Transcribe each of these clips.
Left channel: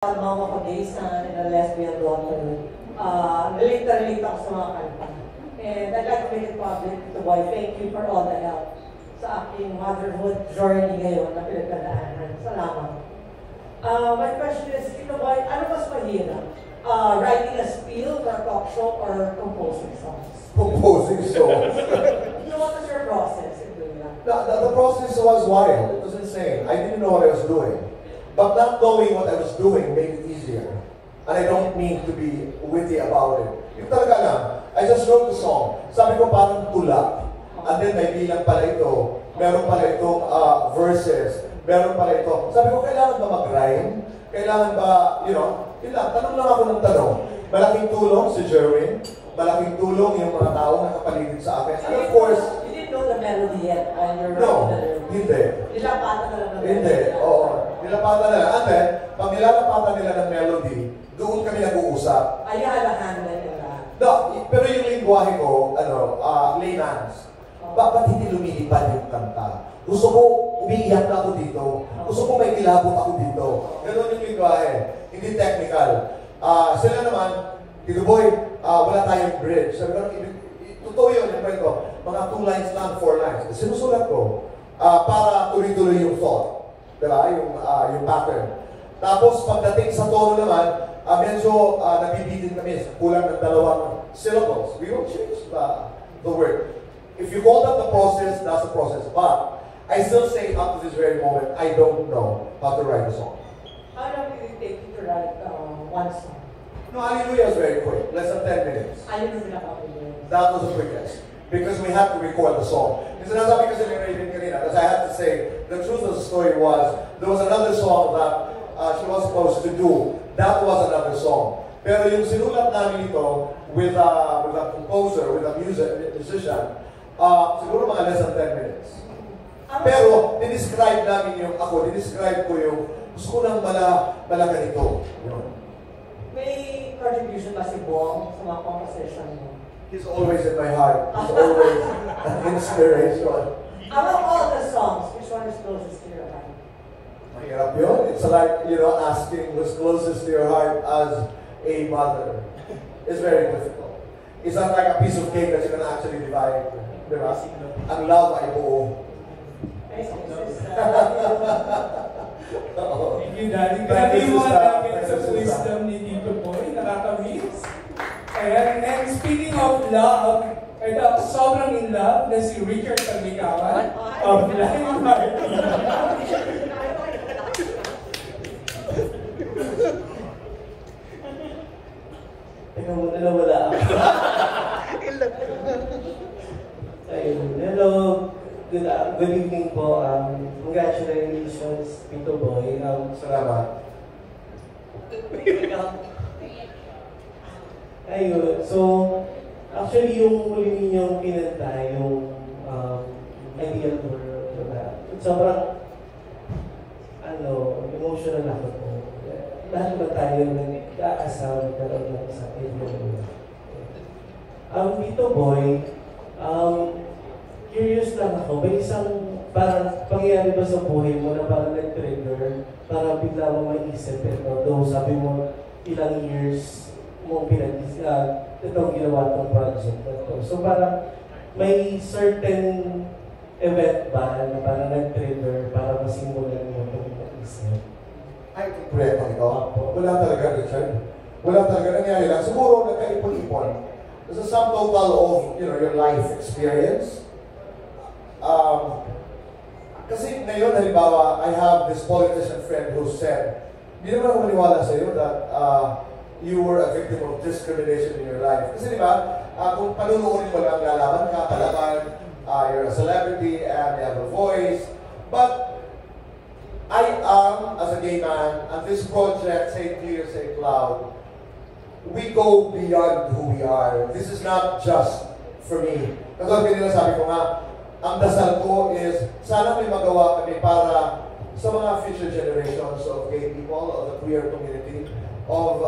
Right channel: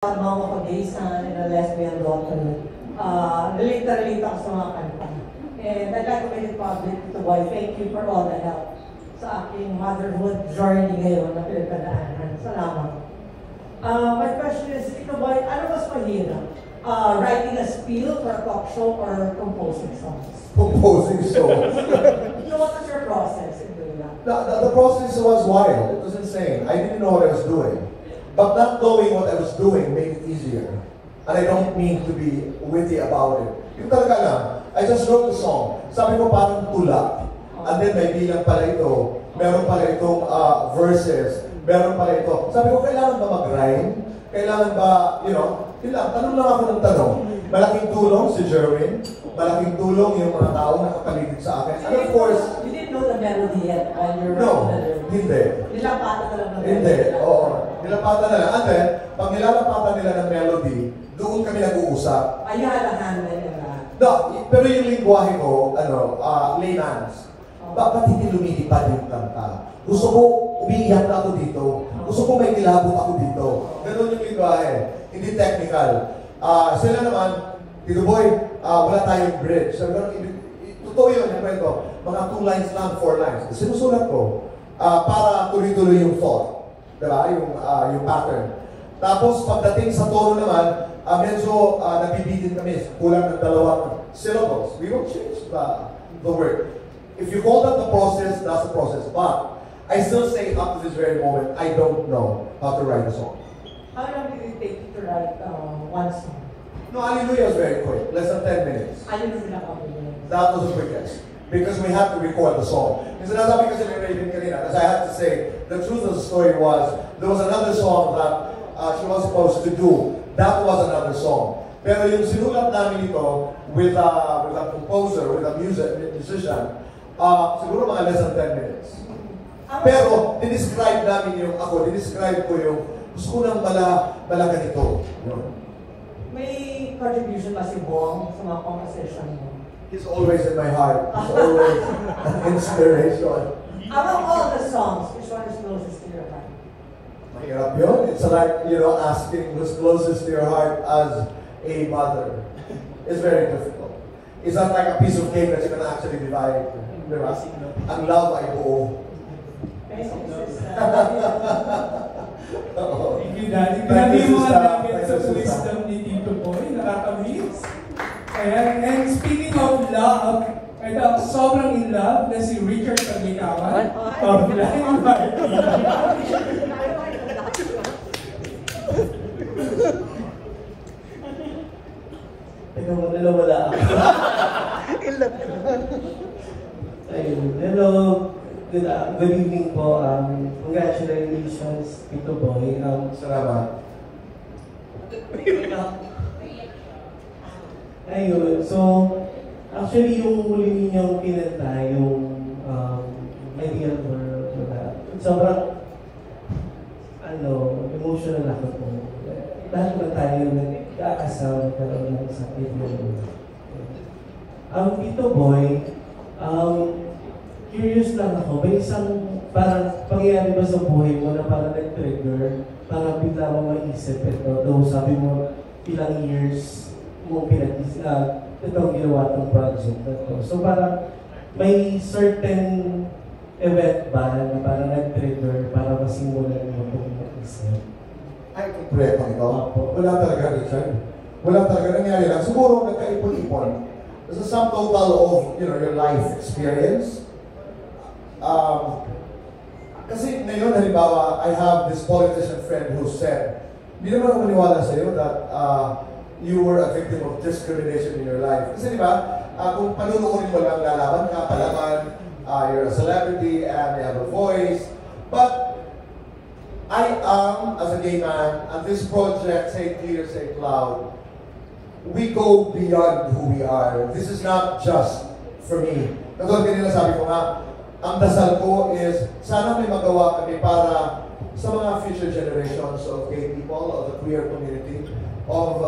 Mama ko days na lesbian daughter. Relate na relate ako sa mga kanta. And I'd like to make it public to boy, thank you for all the help sa aking motherhood journey ngayon na pinagkadaanan. Salamat. My question is, Tito Boy, ano mas mahirap? Writing a spiel for a talk show or composing songs? Composing songs. So what was your process in doing that? The process was wild. It was insane. I didn't know what I was doing. But not knowing what I was doing made it easier. And I don't mean to be witty about it. Yung talaga lang, I just wrote the song. Sabi ko parang tulak. And then may bilang pala ito. Meron pala itong verses. Meron pala ito. Sabi ko, kailangan ba mag-rhyme? Kailangan ba, yun lang. Tanong lang ako ng tanong. Malaking tulong si Jerwin. Malaking tulong yung mga tao na kapaligid sa akin. And of course, you didn't know the melody yet on your no, hindi. Nilapatan na lang ng melody. Hindi, oo. Nilapatan na lang. And then, pag nilalapatan nila ng melody, doon kami nag-uusap. Ayan ang handle niya lahat. No, pero yung lingwahe ko, layman's. Bakit hindi lumilipad yung kanta? Gusto ko, umiiyak na ako dito. Gusto ko may kilabot ako dito. Ganun yung lingwahe. Hindi technical. Sila naman, Tito Boy, wala tayong bridge. Sabi ko, totoo yun, yung kwento. Mga 2 lines lang, 4 lines. Sinusulat ko para tuloy-tuloy yung thought. Diba? Yung pattern. Tapos, pagdating sa tono naman, medyo nabibigin kami. Kulang ng 2 syllables. We will change the word. If you call that the process, that's the process. But I still say up to this very moment, I don't know how to write a song. How long did it take to write one song? No, Hallelujah was very quick. Less than 10 minutes. That was the quickest. Because we had to record the song. Kasi nasabi kasi ni Raven kanina, because I had to say, the truth of the story was, there was another song that she was supposed to do. That was another song. Pero yung sinulat namin ito with a composer, with a musician, siguro mga less than 10 minutes. Pero, dinescribe namin dinescribe ko yung, gusto ko nang mala ganito. May contribution ba si Bong sa mga composition mo? He's always in my heart. He's always an inspiration. Among all the songs, which one is closest to your heart? Mahirap yun. It's like, asking who's closest to your heart as a mother. It's very difficult. It's not like a piece of cake that you can actually divide. Diba? Ang love ay buo. Thank you, Daddy. Grabe yung mga namin sa wisdom ni Tito Boy. Nakakamiss. Ayan. And speaking of love, ito, sobrang in love na si Richard Taglicawan of Flying Teka mo, wala ako. Ilan ka? Ayun. Hello. Good evening po. Congratulations, Tito Boy. Salamat. Ayun. So, actually, yung huli ninyong pinanta, yung medial for that. Sobrang, emotional ako po. Dahil ba tayo nag-aasama talaga sa video? Tito Boy, curious lang ako, may isang parang pangyayari ba sa buhay mo na parang nag-trigger, parang bigla mo maisip ito, though sabi mo ilang years mo itong ginawa ng project ito. So parang may certain event ba na parang nag-trigger para masimulan mo itong mag-isip? Ay, kompleto ito. Wala talaga, Richard. Wala talaga. Nangyari lang. Siguro nagkaipon-ipon. It's a sum total of, your life experience. Kasi ngayon, halimbawa, I have this politician friend who said, hindi naman ako maniwala sa iyo that you were a victim of discrimination in your life. Kasi di ba, kung panunuunin mo lang lalaban ka, palaban, you're a celebrity and you have a voice. But I am, as a gay man, and this project, Say Clear, Say Cloud, we go beyond who we are. This is not just for me. Katulad kanina sabi ko nga, ang dasal ko is, sana may magawa kami para sa mga future generations of gay people, of the queer community, of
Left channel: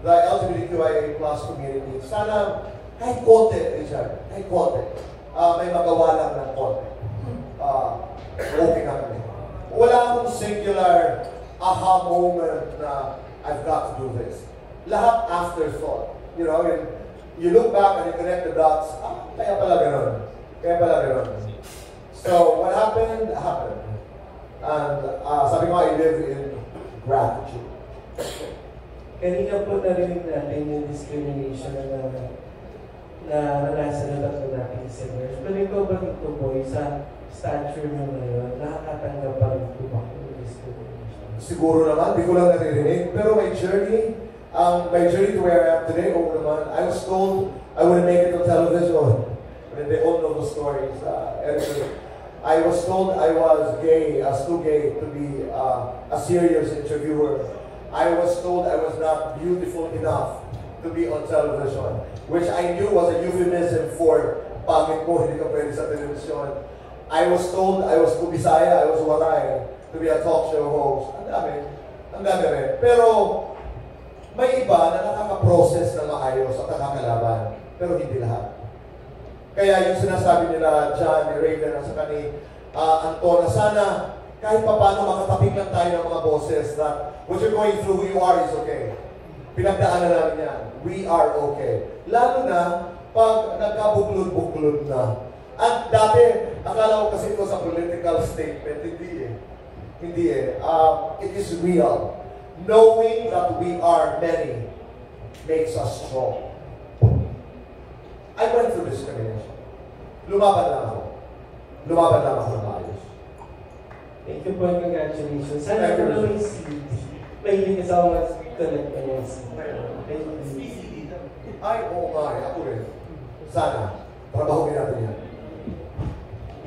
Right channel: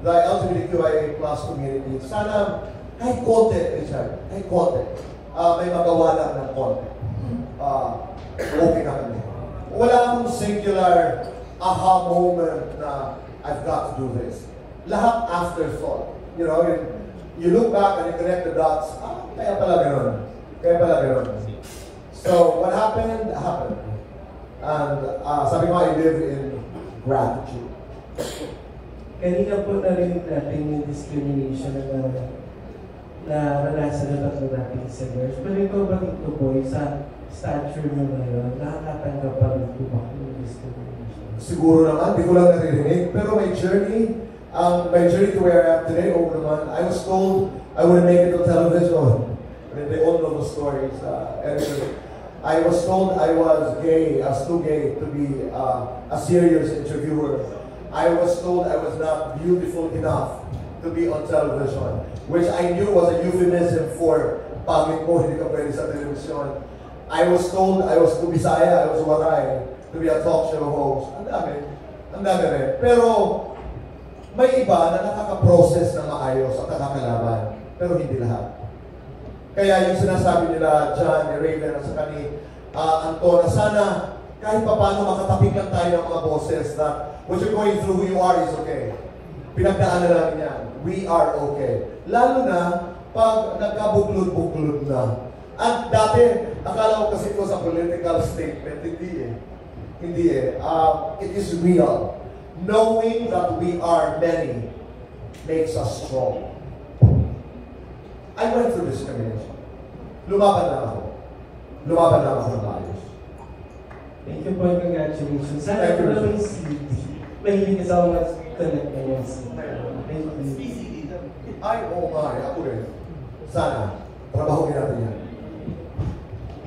the LGBTQIA+ community. Sana, kahit konti, Richard, kahit konti, may magawa lang ng konti. Okay na kami. Wala akong singular aha moment na I've got to do this. Lahat afterthought. You know, you look back and you connect the dots, kaya pala ganun. Kaya pala ganun. So, what happened, happened. And sabi ko, I live in gratitude. Kanina po narinig natin yung discrimination na naranasan ng tatlo nating singers. Pero ikaw ba dito po, sa stature nyo ngayon, nakakatanggap pa rin po ba yung discrimination? Siguro naman, di ko lang naririnig. Pero my journey to where I am today, I was told I wouldn't make it on television. But they all know the stories. Anyway, I was told I was gay, I was too gay to be a serious interviewer. I was told I was not beautiful enough to be on television, which I knew was a euphemism for pagit mo, hindi ka pwede sa television. I was told I was kubisaya, I was waray, to be a talk show host. Ang dami rin. Pero may iba na nakaka-process na maayos at nakakalaban, pero hindi lahat. Kaya yung sinasabi nila, John, Raven, at saka ni Anton, na sana kahit pa paano makatapik lang tayo ng mga boses that what you're going through, who you are is okay. Pinagdaanan namin yan. We are okay. Lalo na pag nagkabuklod-buklod na. At dati, akala ko kasi ito sa political statement. Hindi eh. It is real. Knowing that we are many makes us strong. I went through discrimination. Lumaban lang ako. Lumaban lang ako ng maayos. Thank you po, congratulations. Sana ako na may CD. Mahilig sa mga connect na yung CD. Ay, oo nga, ako rin. Sana, trabaho natin yan.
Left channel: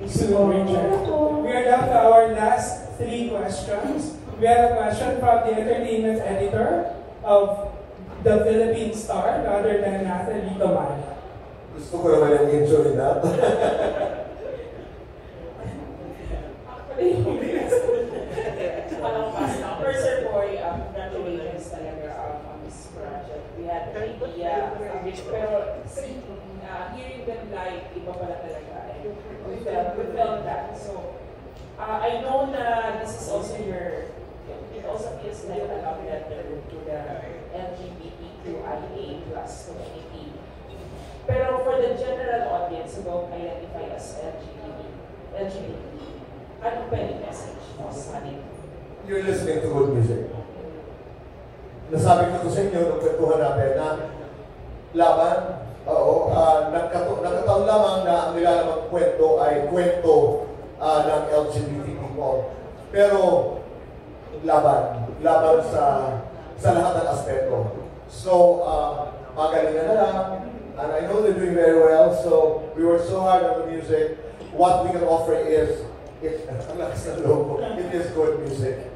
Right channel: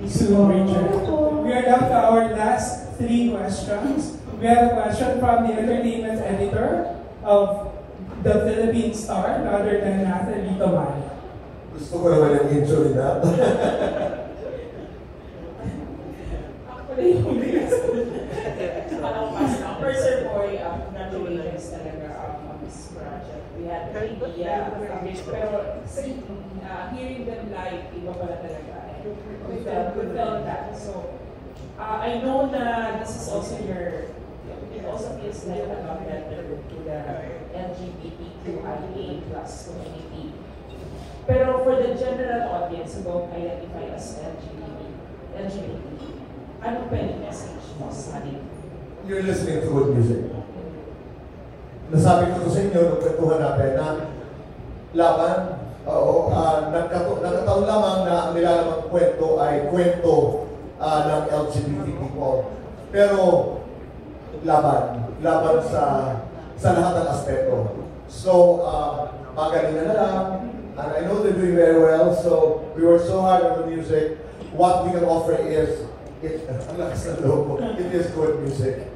So, Richard, we are down to our last 3 questions. We have a question from the entertainment editor of the Philippine Star, rather than Nathalie Toman. Gusto ko naman yung intro na. First, Sir Boy, congratulations talaga on this project. We had the idea, pero hearing them live, iba pala talaga. We felt that. So, I know na this is also it also is like a love letter to the LGBTQIA+ community. Pero for the general audience who don't identify as LGBT, ano pa yung message mo sa amin? You're listening to good music. Nasabi ko sa inyo nung kwentuhan natin na laban, nagkataon lamang na ang nilalamang kwento ay kwento ng LGBT people. Pero laban sa lahat ng aspeto. So, magaling na lang. And I know they're doing very well, so we work so hard on the music. What we can offer is, it is good music.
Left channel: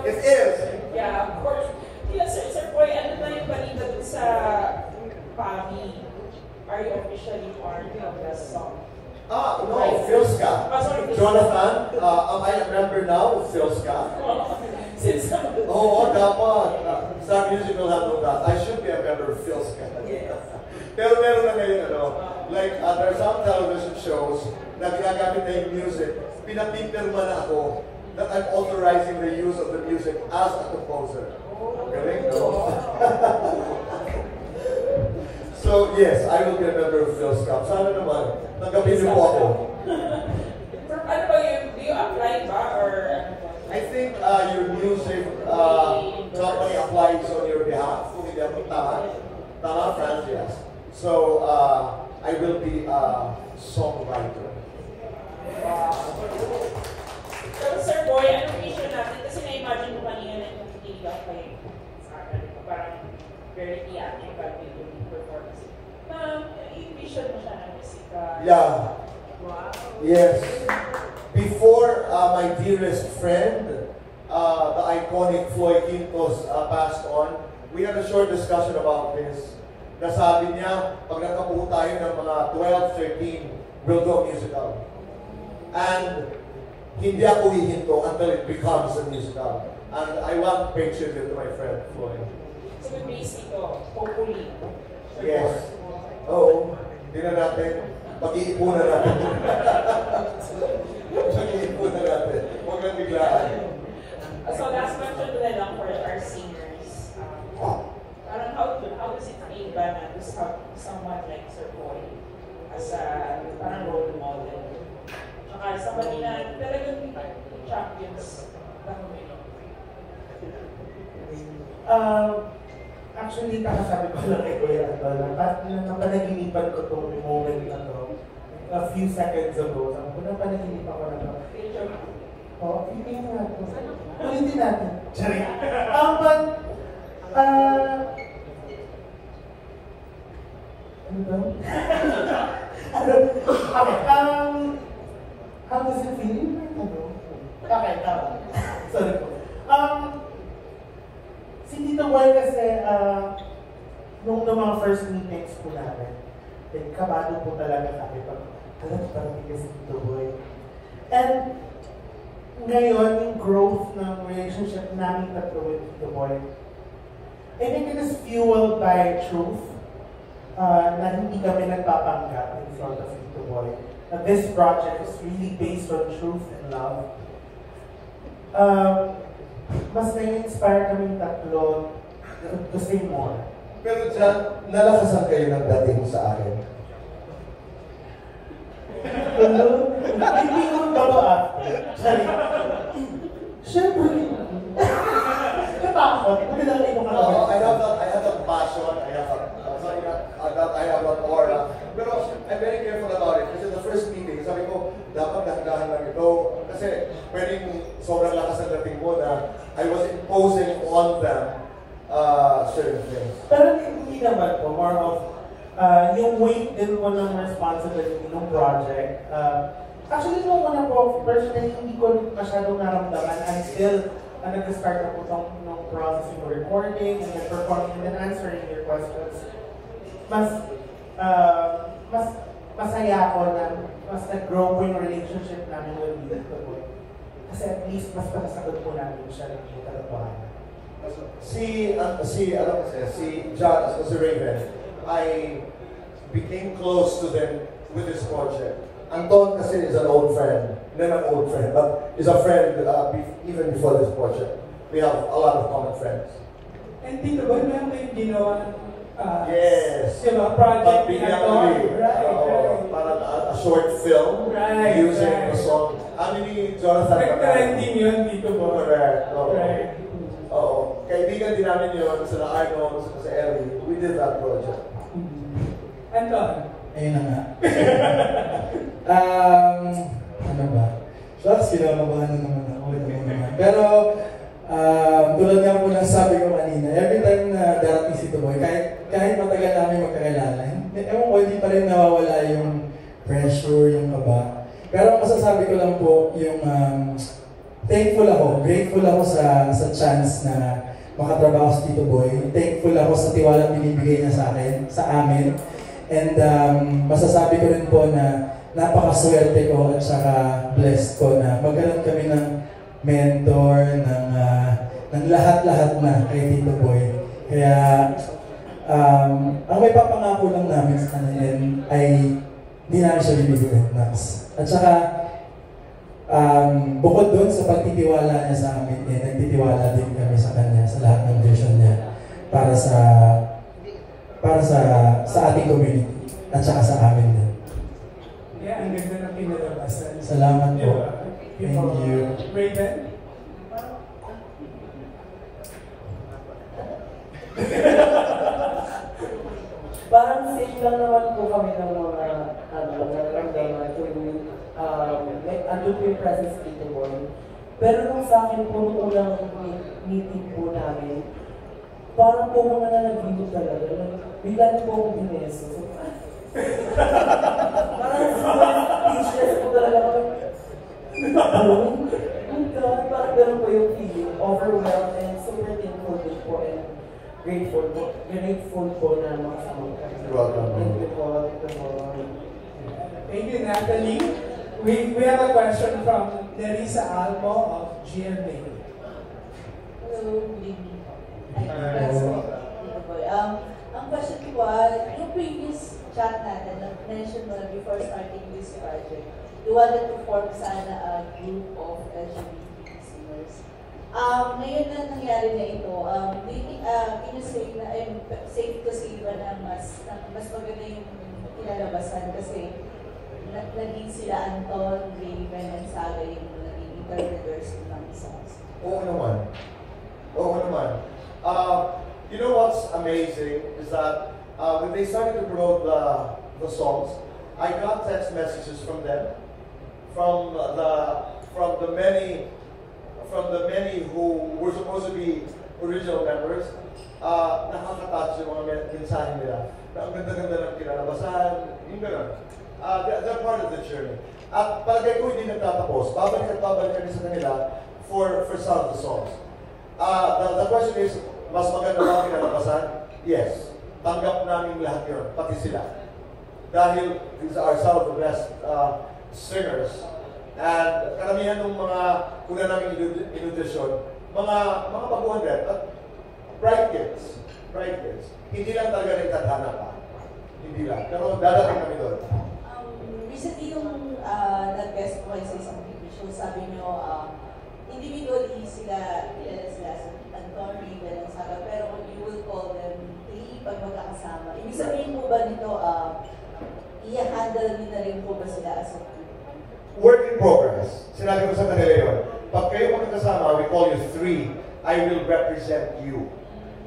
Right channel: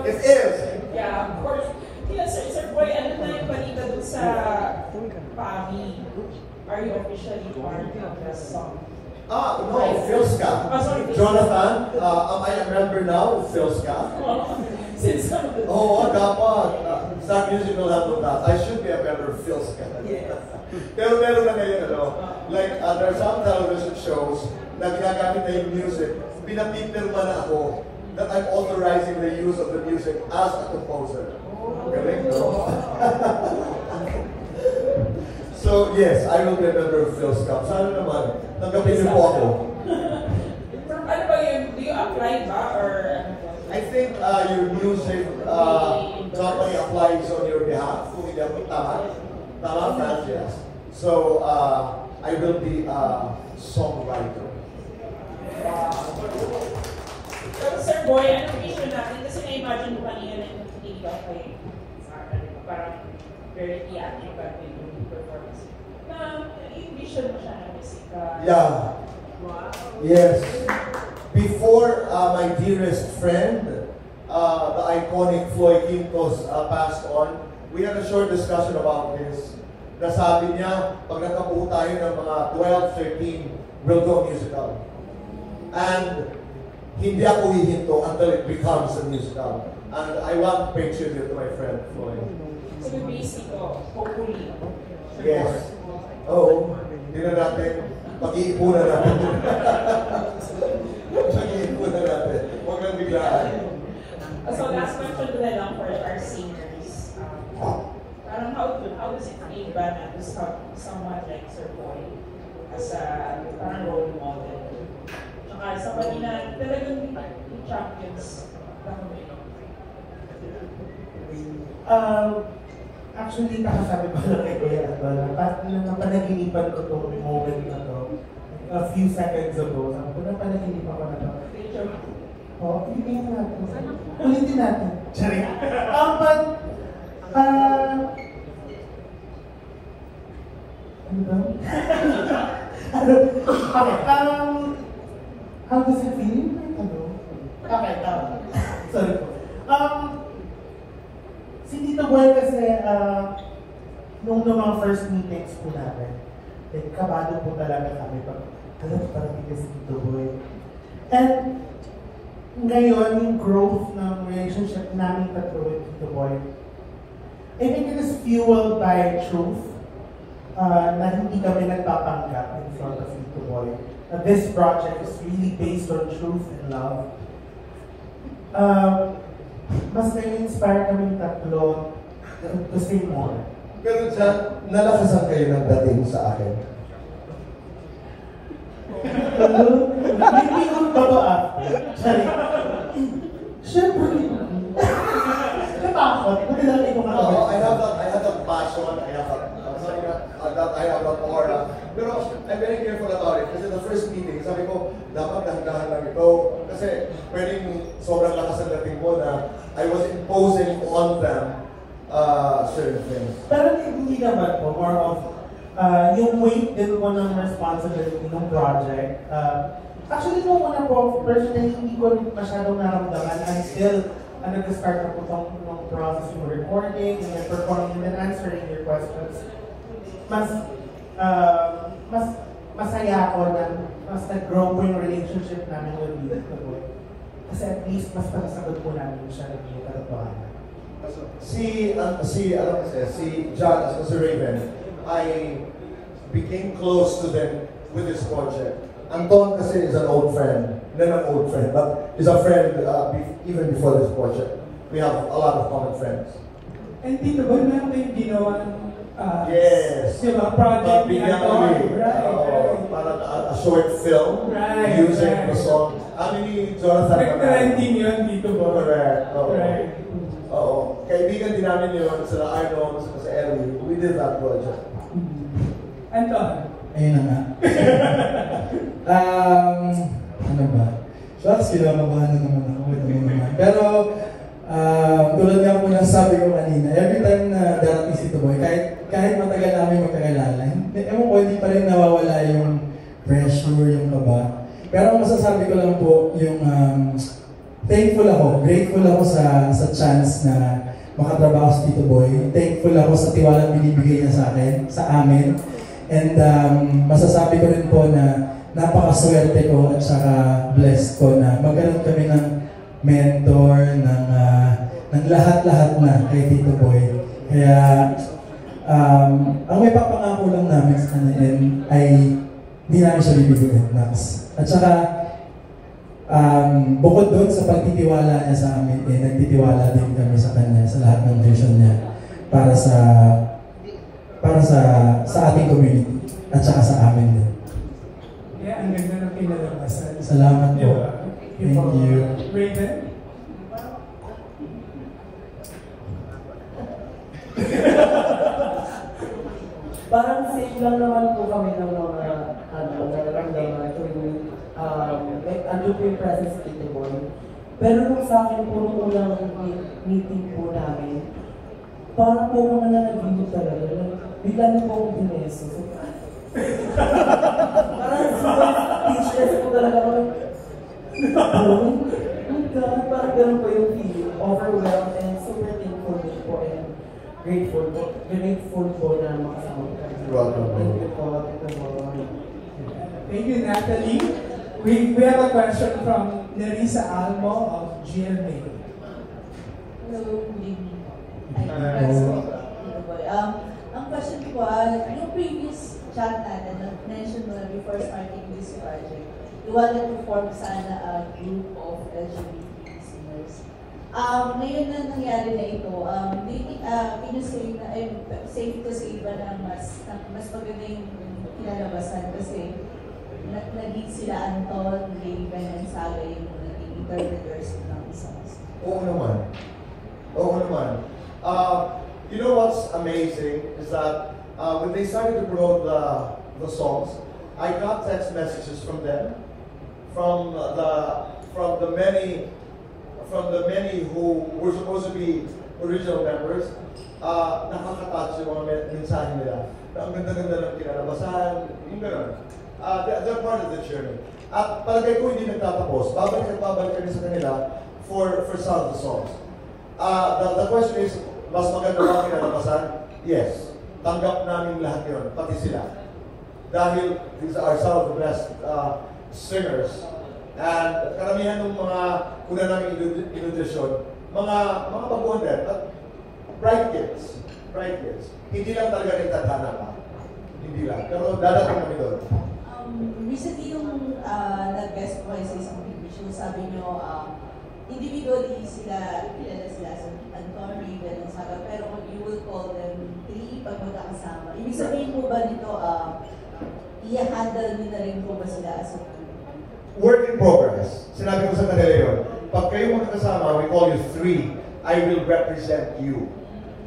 It is! Yeah, of course. Yes, Sir Boy, ano na yung balita dun sa Pabi? Are you officially part of the song? No, Philska. Jonathan, I remember now, Philska. Oo, dapat. Sa musical handle that. I should be a member of Philska. Yes. Pero meron na ngayon, like, there are some television shows na ginagamit na yung music. Pinapipirma na ako that I'm authorizing the use of the music as a composer. Galing, no? So, yes, I will be a member of Philska. Sana naman, tanggapin niyo po ako. Ano ba yun? Do you apply ba? Or I think your music company applies on your behalf. Kung hindi ako tama, Francis. So, I will be a songwriter. Pero Sir Boy, anong vision natin? Kasi na-imagine mo kanina yung titigap ko yung parang very theatrical yung performance. Yung vision mo siya na musika. Yeah. Wow. Yes. Before my dearest friend, the iconic Floyd Quintos, passed on, we had a short discussion about this. Nasabi niya, pag nakapuho tayo ng mga 12, 13, we'll do a musical. And hindi ako hihinto until it becomes a musical. And I want to pay tribute to my friend Floyd. So yung basic ko, hopefully. Yes. Oo. Hindi na natin. Pag-iipunan natin. Pag-iipunan natin. Huwag kang biglaan. So last question ko na lang for RC. someone like Sir Paul as a parang role model. Tsaka sa kanila, talagang champions na kami. Actually, nakasabi ko lang kay Kuya Adol, napanaginipan ko itong moment na to a few seconds ago. Napanaginipan ko na ito. Oh, ulitin natin. Ulitin natin. Sorry. Ano daw? Okay, how does it feel? Okay, sorry po. Si Tito Boy kasi, nung mga first meetings po natin, kabado po talaga kami pag, parang hindi si Tito Boy. And ngayon, yung growth ng relationship namin tatlo with Tito Boy, I think it is fueled by truth, na hindi kami nagpapanggap in front of Tito Boy. This project is really based on truth and love. Mas nai-inspire kami tatlo to say more. Pero dyan, nalakasan kayo ng dating sa akin. Hindi ko ba ba? Siyempre. Natakot. Buti lang ikaw No, I have that passion, I have that aura. Pero I'm very careful about it. Kasi the first meeting, sabi ko, dapat dahan-dahan lang ito. Kasi pwedeng sobrang lakas ang dating mo na I was imposing on them certain things. Pero hindi naman po, more of yung weight din mo ng responsibility ng project. Actually, nung una po, personally, hindi ko masyadong naramdaman until nag-start na po itong process ng recording, and performing, and answering your questions. Mas masaya ako na mas nag-grow po yung relationship namin with Tito Boy. Kasi at least mas panasagot po namin siya ng katotohanan. Si John, as si Raven, I became close to them with this project. Anton kasi is an old friend, not an old friend, but is a friend even before this project. We have a lot of common friends. And Tito Boy, meron kayong ginawang Yes. project But bigyan parang a short film using the song. Ni Jonathan. Trending yun, Tito Boy. Correct. Oo. Kaibigan din namin yun sa Arno, sa Ellie. We did that project. Anton. Ayun na nga. Ano ba? Shots, kinamabahan na naman ako. Pero, tulad nga po na sabi ko kanina, every time na darating si Tito Boy, kahit matagal namin magkakilala, ewan ko, hindi pa rin nawawala yung pressure, yung kaba. Pero ang masasabi ko lang po, yung grateful ako sa chance na makatrabaho sa Tito Boy. Thankful ako sa tiwala binibigay niya sa akin, sa amin. And masasabi ko rin po na napakaswerte ko at saka blessed ko na magkaroon kami ng mentor, ng lahat-lahat na kay Tito Boy. Kaya, ang may papangako lang namin sa kanya ay hindi namin siya bibigyan ng max. At saka, bukod doon sa pagtitiwala niya sa amin, nagtitiwala din kami sa kanya sa lahat ng vision niya para sa ating community at saka sa amin din. Yeah, ang ganda ng kinalabasan. Salamat po. Thank you. Raven? Parang safe lang naman po kami ng mga nararamdaman kung andun po yung presence ni Tito Boy. Pero nung sa akin po, nung unang meeting po namin, parang po ko na nag-video talaga. Bigla na po akong pineso. Parang speechless po talaga ako. Parang ganun po yung feeling. Overwhelmed and super thankful po and grateful po na makasama. Thank you po. Thank you, Natalie. We have a question from Larissa Almo of GMA. Hello, good evening. Ang question ko, yung previous chat natin, mention mo na before starting this project, you wanted to form sana a group of LGBT listeners. Ngayon na nangyari na ito, do you think can you say na, safe to say ba na mas maganda yung kinalabasan kasi naging sila Anton, Raven, and Sara yung naging interpreters ng mga songs? Oo naman. Oo naman. You know what's amazing is that when they started to promote the songs, I got text messages from them, from the many who were supposed to be original members. Nakaka-touch yung mga mensahe nila. Ang ganda-ganda ng kinalabasan, yung gano'n. They're part of the journey. At palagay ko hindi nagtatapos. Babalik at babalik kami sa kanila for some of the songs. The question is, mas maganda ba kinalabasan? Yes. Tanggap namin lahat yun, pati sila. Dahil these are some of the best singers. And karamihan ng mga una namin in-audition, mga baguhan din. Bright kids. Hindi lang talaga nagtatana ka. Hindi lang. Pero dadating kami doon. Recently yung nag-guest voices ng TV show, sabi nyo, individually sila sa Anton, Raven, and Sara, pero you will call them three pag magkakasama. Ibig sabihin po ba nito, i-handle nyo na rin po ba sila as a team? Work in progress. Sinabi ko sa kanila yun. Pag kayo magkakasama, we call you three. I will represent you.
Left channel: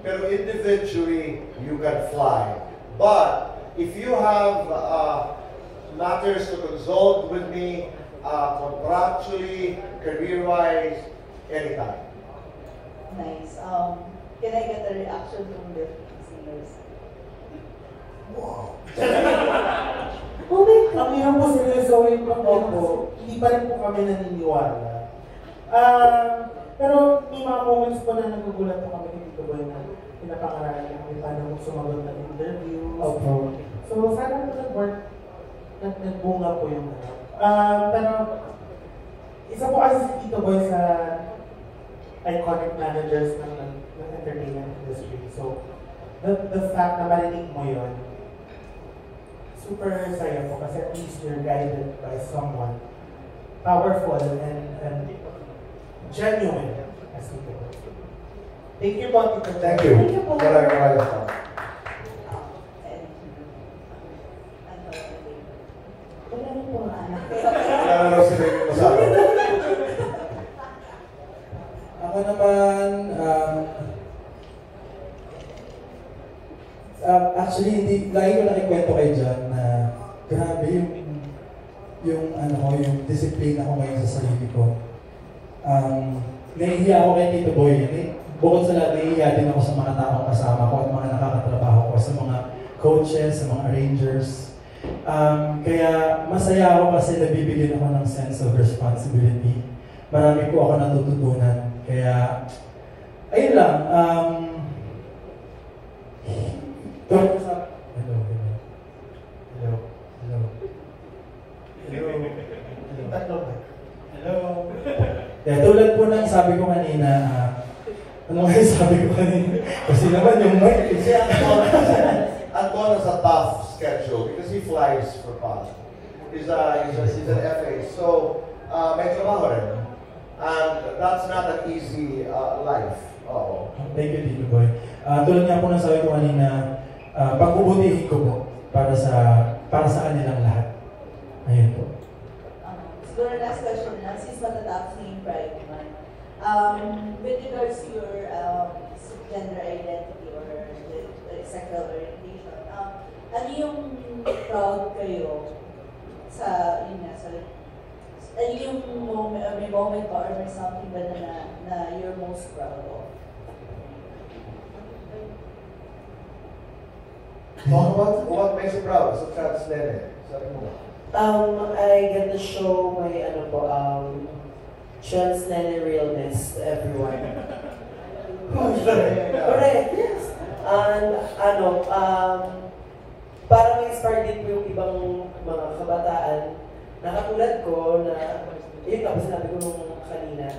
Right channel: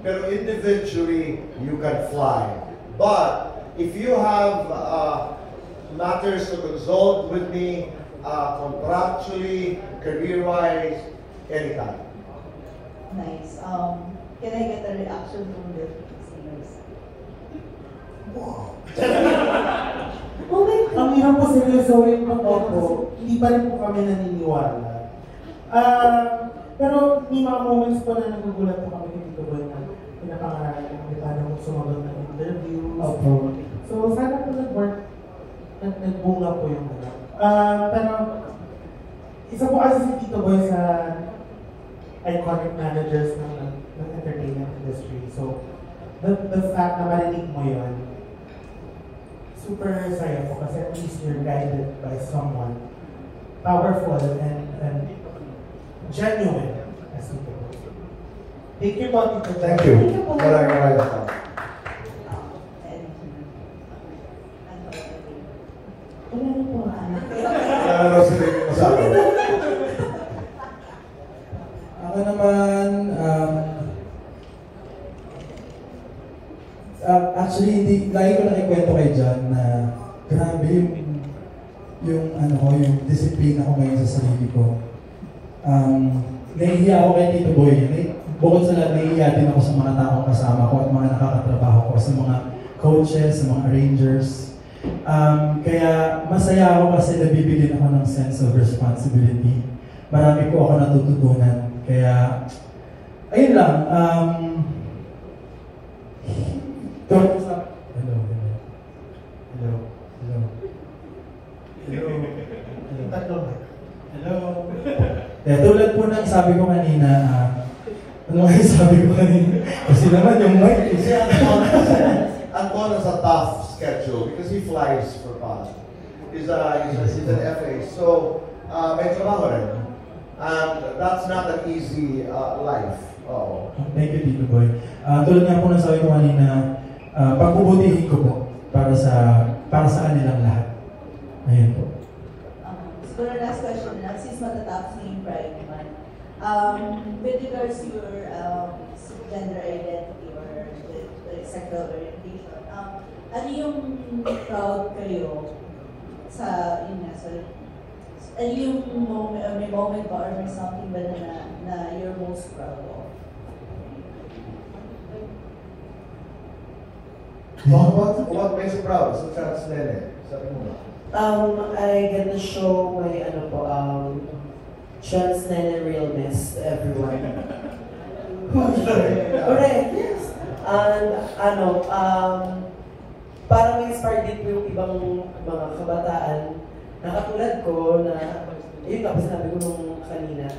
Pero individually, you can fly. But if you have matters to consult with me, contractually, career-wise, anytime. Nice. Can I get a reaction from the singers? Ang hirap po seryosohin po, hindi pa rin po kami naniniwala. Pero may mga moments po na nagugulat po kami dito ba na pinapangarap kami paano sumagot ng interviews. So, sana po nag-work, nagbunga po yung pero, isa po kasi si Tito Boy sa iconic managers ng entertainment industry. So, the fact na marinig mo yun, super saya po kasi at least you're guided by someone powerful and genuine as Tito Boy. Thank you po, Tito Boy. Thank you. Maraming Ako naman, actually, hindi, lagi ko lang ikwento kay John na grabe yung disiplina ko ngayon sa sarili ko. Nahihiya ako kay Tito Boy. Bukod sa lahat, nahihiya din ako sa mga taong kasama ko at mga nakakatrabaho ko, sa mga coaches, sa mga arrangers. Kaya masaya ako kasi nabibigyan ako ng sense of responsibility. Marami po ako natututunan. Kaya, ayun lang. Tulad po ng sabi ko kanina, ano nga sabi ko kanina? Kasi naman yung mic. Anton has a tough schedule because he flies for fun. He's an FA, so may trabaho rin. And that's not an easy life. Thank you, Tito Boy. Tulad nga po ng sabi ko kanina, pagbubutihin ko po para sa kanilang lahat. Ayun po. Siguro next question na, since matatapos na yung Pride Month, with regards to your gender identity or sexual orientation, ano yung proud kayo sa, ano yung may moment ba or may something ba na you're most proud of? What makes you proud? So translate it. I get to show my trans realness everywhere. Correct, yes. And parang ma-inspire din po yung ibang mga kabataan na katulad ko na, yun tapos sabi ko nung kanina,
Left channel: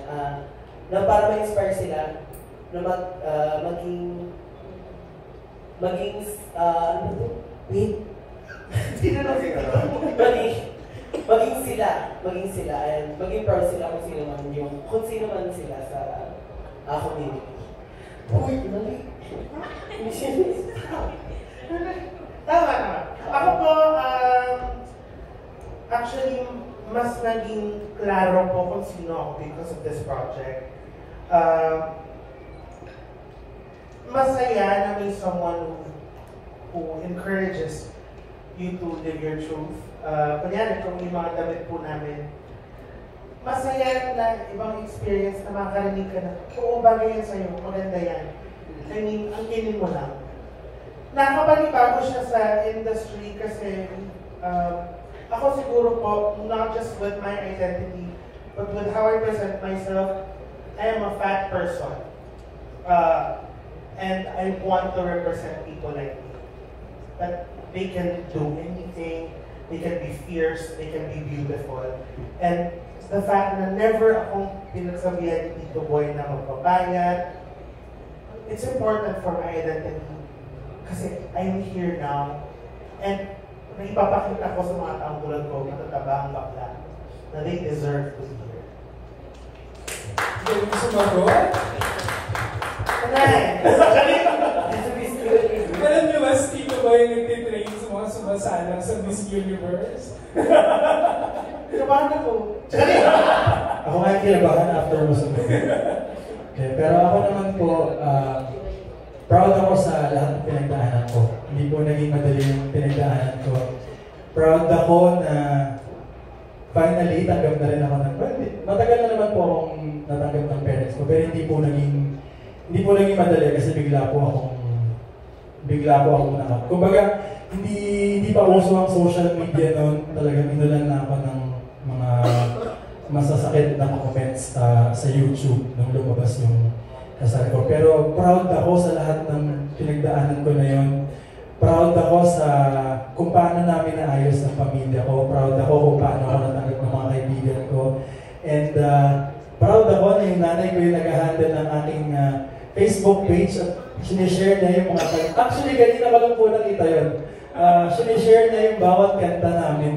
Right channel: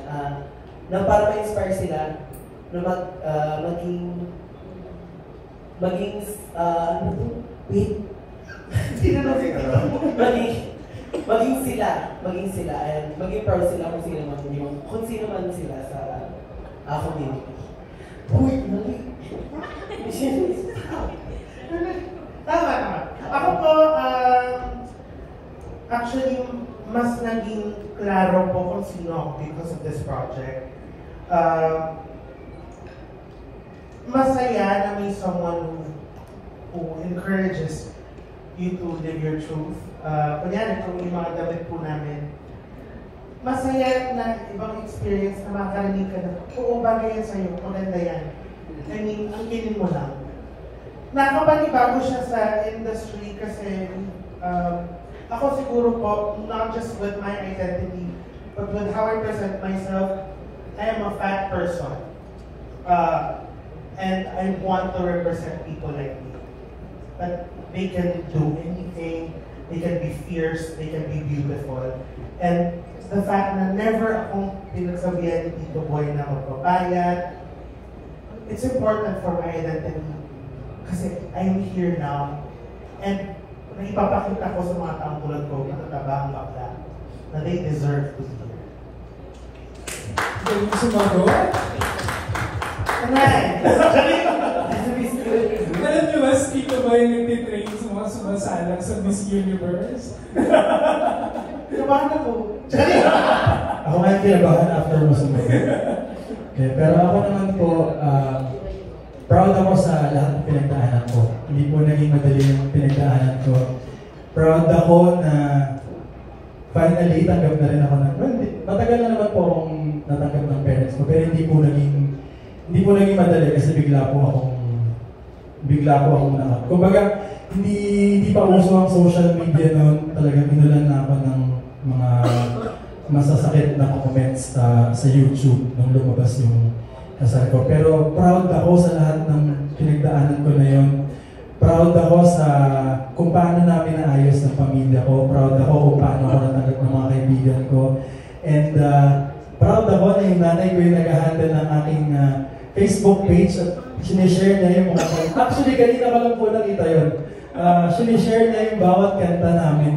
na parang ma-inspire sila na maging sila and maging proud sila kung sino man sila sa community. Uy, mali. Tama. Ako po, actually, mas naging klaro po kung sino ako because of this project. Masaya na may someone who encourages you to live your truth. Kunyari, kung may mga damit po namin, masaya na ibang experience na makarinig ka na, oo, bagay yan sa'yo, maganda yan. I mean, angkinin mo lang. Nakabalibago siya sa industry kasi ako siguro po, not just with my identity, but with how I present myself, I am a fat person. And I want to represent people like me. But they can do anything, they can be fierce, they can be beautiful. And the fact na never akong pinagsabihan ni Tito Boy na magpapayat, it's important for my identity. Kasi I'm here now. And naipapakita ko sa mga taong tulad ko, matatabang bakla, na they deserve to be here. Galing mo sumagot? Alam niyo ba, si Tito Boy yung nagtitrain sa mga sumasalang sa Miss Universe? Kabahan ako. Ako nga kinabahan after mo sumagot. Okay, pero ako naman po, proud ako sa lahat ng pinagdaanan ko. Hindi po naging madali yung pinagdaanan ko. Proud ako na finally tanggap na rin ako ng, well, matagal na naman po akong natanggap ng parents ko, pero hindi po naging madali kasi bigla po akong na. Kumbaga, hindi pa uso ang social media noon, talagang inulan na ako ng mga masasakit na comments sa YouTube nung lumabas yung kasal ko. Pero proud ako sa lahat ng pinagdaanan ko na yun. Proud ako sa kung paano namin naayos ng pamilya ko. Proud ako kung paano ako natanggap ng mga kaibigan ko. And proud ako na yung nanay ko yung nag-handle ng aking Facebook page at sinishare na yung mga actually, ganito ko lang po nakita yun. Sinishare na yung bawat kanta namin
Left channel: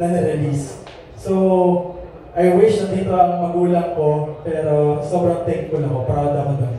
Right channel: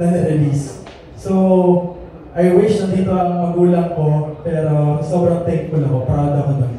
na na-release. So, I wish nandito ang magulang ko, pero sobrang thankful ako. Proud ako doon.